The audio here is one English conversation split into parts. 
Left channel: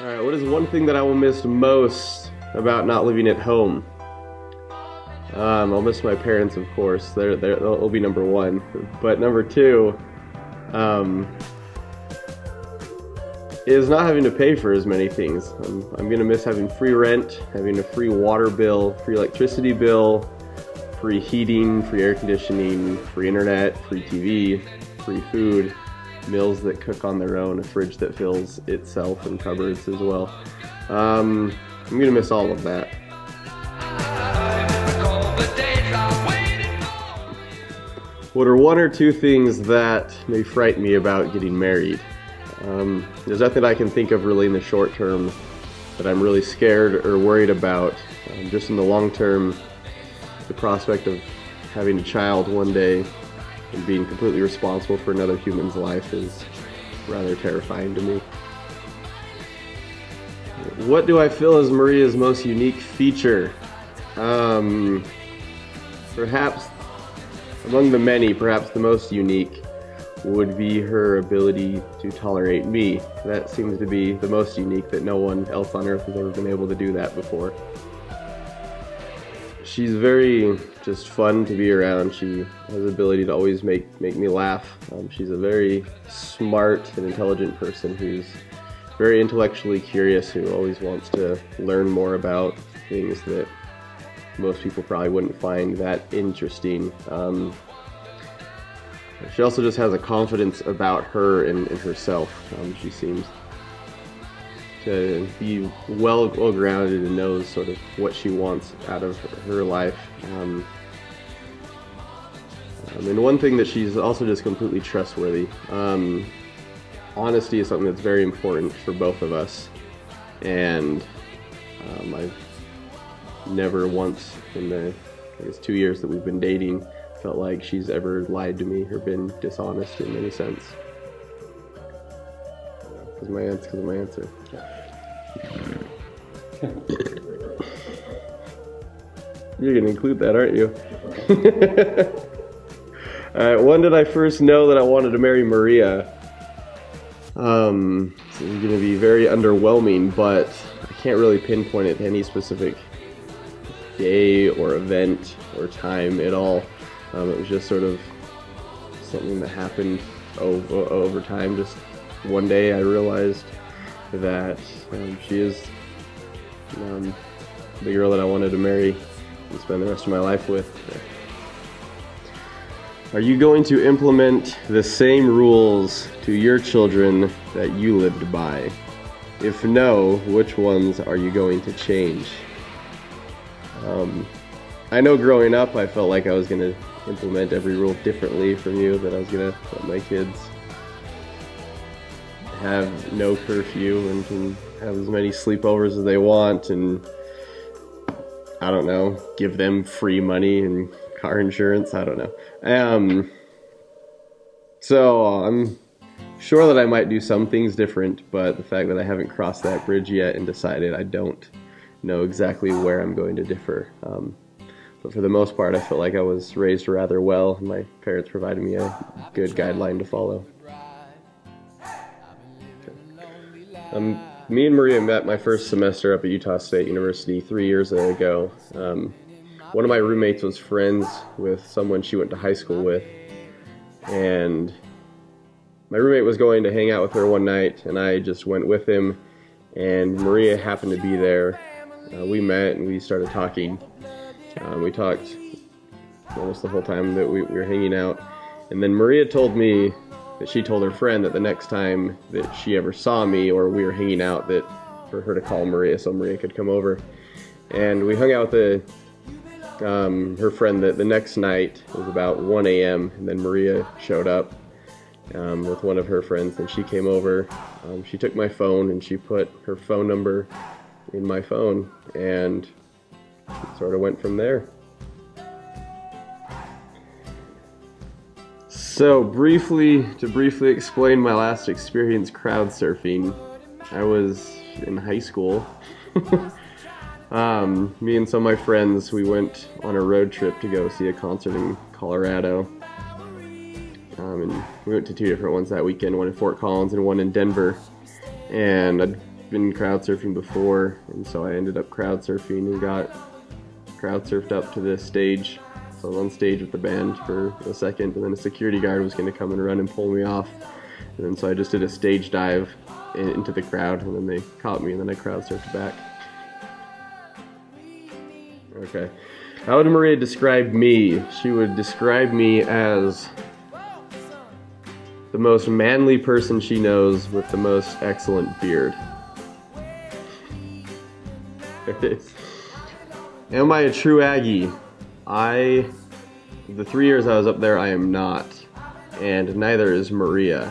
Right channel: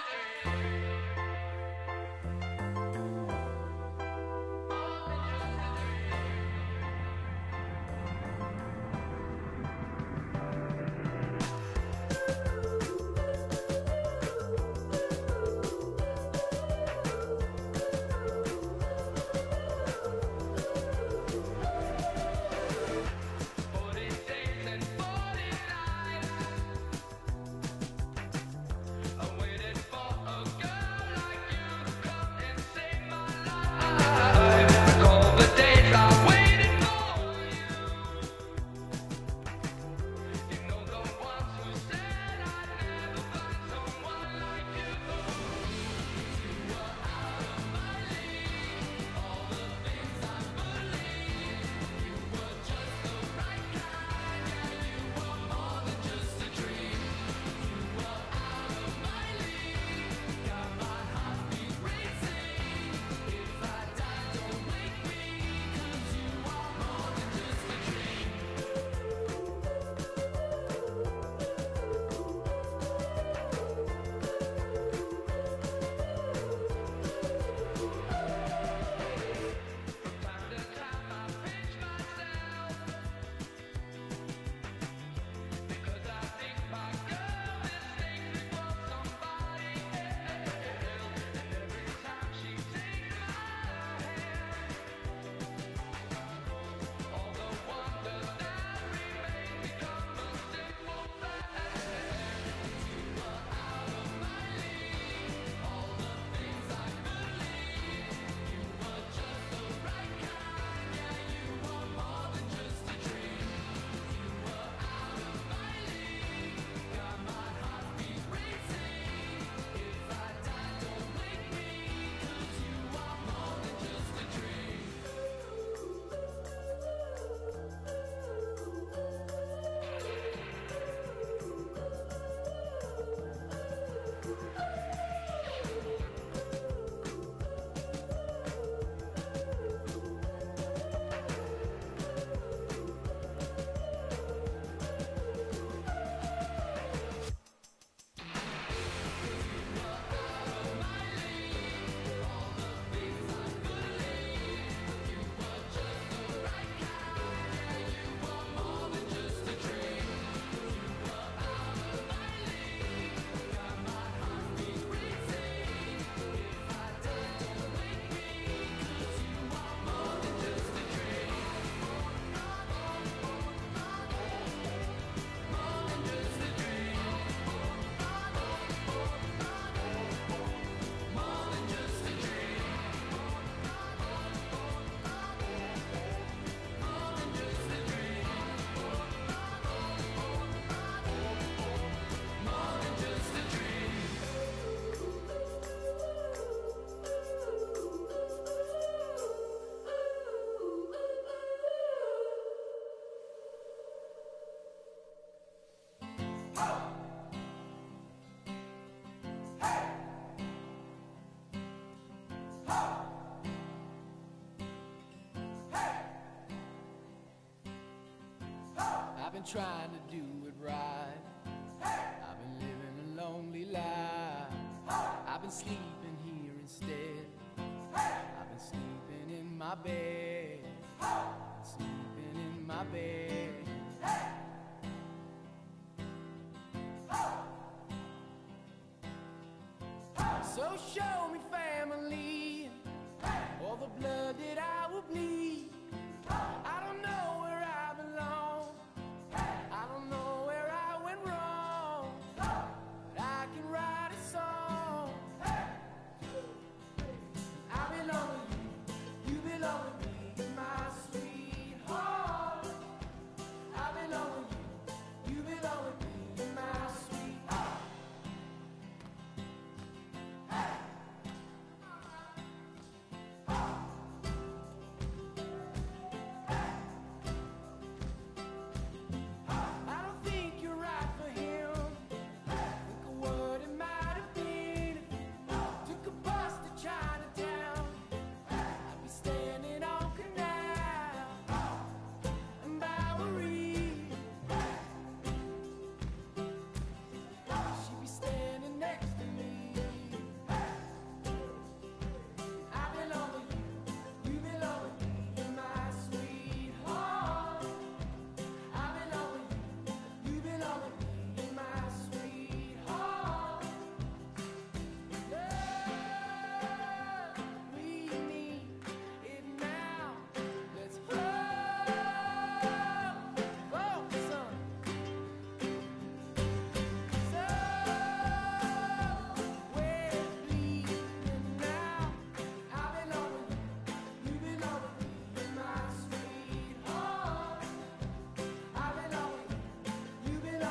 Alright, what is one thing that I will miss most about not living at home? I'll miss my parents, of course. They'll be number one. But number two, um, is not having to pay for as many things. I'm gonna miss having free rent, having a free water bill, free electricity bill, free heating, free air conditioning, free internet, free TV, free food, meals that cook on their own, a fridge that fills itself, and cupboards as well. I'm gonna miss all of that. What are one or two things that may frighten me about getting married? There's nothing I can think of really in the short term that I'm really scared or worried about. Just in the long term, the prospect of having a child one day and being completely responsible for another human's life is rather terrifying to me. What do I feel is Maria's most unique feature? Perhaps among the many, perhaps the most unique would be her ability to tolerate me. That seems to be the most unique, that no one else on earth has ever been able to do that before. She's very just fun to be around. She has the ability to always make me laugh. She's a very smart and intelligent person who's very intellectually curious, who always wants to learn more about things that most people probably wouldn't find that interesting. She also just has a confidence about her and herself. She seems to be well grounded and knows sort of what she wants out of her life. And one thing that she's also just completely trustworthy. Honesty is something that's very important for both of us, and I've never once in the 2 years that we've been dating felt like she's ever lied to me or been dishonest in any sense. Because of my answer. You're gonna include that, aren't you? Alright, when did I first know that I wanted to marry Maria? It's gonna be very underwhelming, but I can't really pinpoint it to any specific day or event or time at all. It was just sort of something that happened over time. Just one day I realized that she is the girl that I wanted to marry and spend the rest of my life with. Are you going to implement the same rules to your children that you lived by? If no, which ones are you going to change? I know growing up I felt like I was going to implement every rule differently from you, that I was going to let my kids have no curfew and can have as many sleepovers as they want, and I don't know, give them free money and car insurance, I don't know. So I'm sure that I might do some things different, but the fact that I haven't crossed that bridge yet and decided, I don't know exactly where I'm going to differ. But for the most part, I felt like I was raised rather well. My parents provided me a good guideline to follow. Me and Maria met my first semester up at Utah State University 3 years ago. One of my roommates was friends with someone she went to high school with, and my roommate was going to hang out with her one night, and I just went with him, and Maria happened to be there. We met and we started talking. We talked almost the whole time that we were hanging out, and then Maria told me that she told her friend that the next time that she ever saw me or we were hanging out, that for her to call Maria so Maria could come over. And we hung out with her friend the next night. It was about 1 a.m. and then Maria showed up with one of her friends, and she came over. She took my phone and she put her phone number in my phone, and it sort of went from there. So to briefly explain my last experience crowd surfing, I was in high school. Me and some of my friends, we went on a road trip to go see a concert in Colorado. And we went to two different ones that weekend, one in Fort Collins and one in Denver. And I'd been crowd surfing before, and so I ended up crowd surfing and got crowd surfed up to the stage. So on stage with the band for a second, and then a security guard was going to come and run and pull me off. And then so I just did a stage dive into the crowd, and then they caught me, and then I crowd surfed back. Okay. How would Maria describe me? She would describe me as the most manly person she knows with the most excellent beard. Am I a true Aggie? The 3 years I was up there, I am not, and neither is Maria.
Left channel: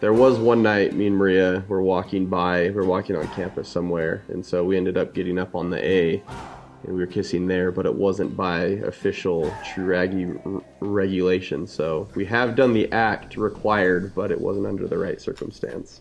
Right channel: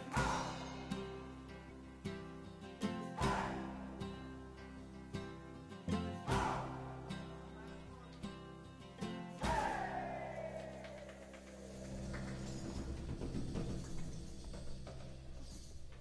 There was one night, me and Maria were walking on campus somewhere, and so we ended up getting up on the A, and we were kissing there, but it wasn't by official true Aggie regulation, so we have done the act required, but it wasn't under the right circumstance.